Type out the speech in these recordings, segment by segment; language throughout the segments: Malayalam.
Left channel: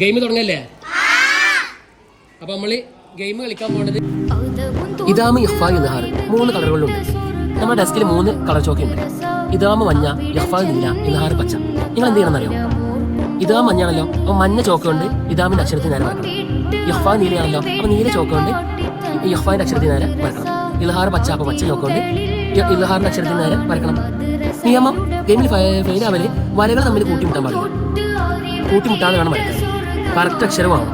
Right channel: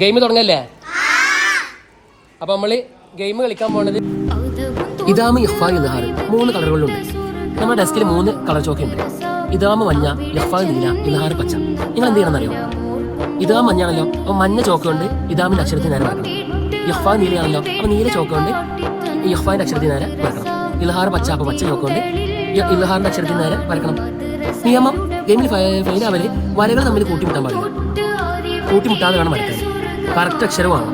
ഗെയിം തുടങ്ങല്ലേ? അപ്പൊ നമ്മള് ഗെയിം കളിക്കാൻ പോകുന്നത് ഇദാമ്, ഇഖ്ഫാ, ഇദ്ഹാർ 3 കളറുകളിലുണ്ട്. നമ്മുടെ ഡെസ്കിൽ 3 കളർ ചോക്കുണ്ട്. ഇദാമ് മഞ്ഞ, ഇഖ്ഫാ നീല, ഇദ്ഹാർ പച്ച. നിങ്ങൾ എന്ത് ചെയ്യണമെന്നറിയോ? ഇദാം മഞ്ഞാണല്ലോ, അപ്പൊ മഞ്ഞ ചോക്കുകൊണ്ട് ഇദാമിന്റെ അക്ഷരത്തിന് നേരെ വരക്കണം. ഇഖ്ഫാ നീലയാണല്ലോ, അപ്പൊ നീല ചോക്കുകൊണ്ട് ഇഖ്ഫാന്റെ അക്ഷരത്തിന് നേരെ വരക്കണം. ഇദ്ഹാർ പച്ച, അപ്പൊ പച്ച ചോക്കുകൊണ്ട് ഇദ്ഹാറിന്റെ അക്ഷരത്തിന് നേരെ വരക്കണം. നിയമം ഗെയിമിൽ ഫെയിലാവല് വരകൾ തമ്മിൽ കൂട്ടിമുട്ടാൻ പാടില്ല. കൂട്ടിമുട്ടാതെ വേണം വരക്കാൻ. കറക്റ്റ് അക്ഷരമാവും.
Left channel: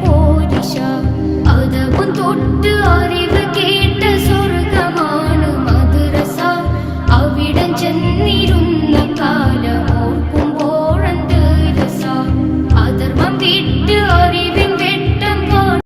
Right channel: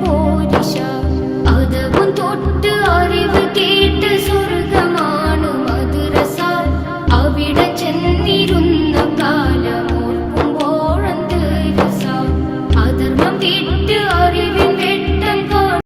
പോരിശ അതവും തൊട്ട് അറിവ്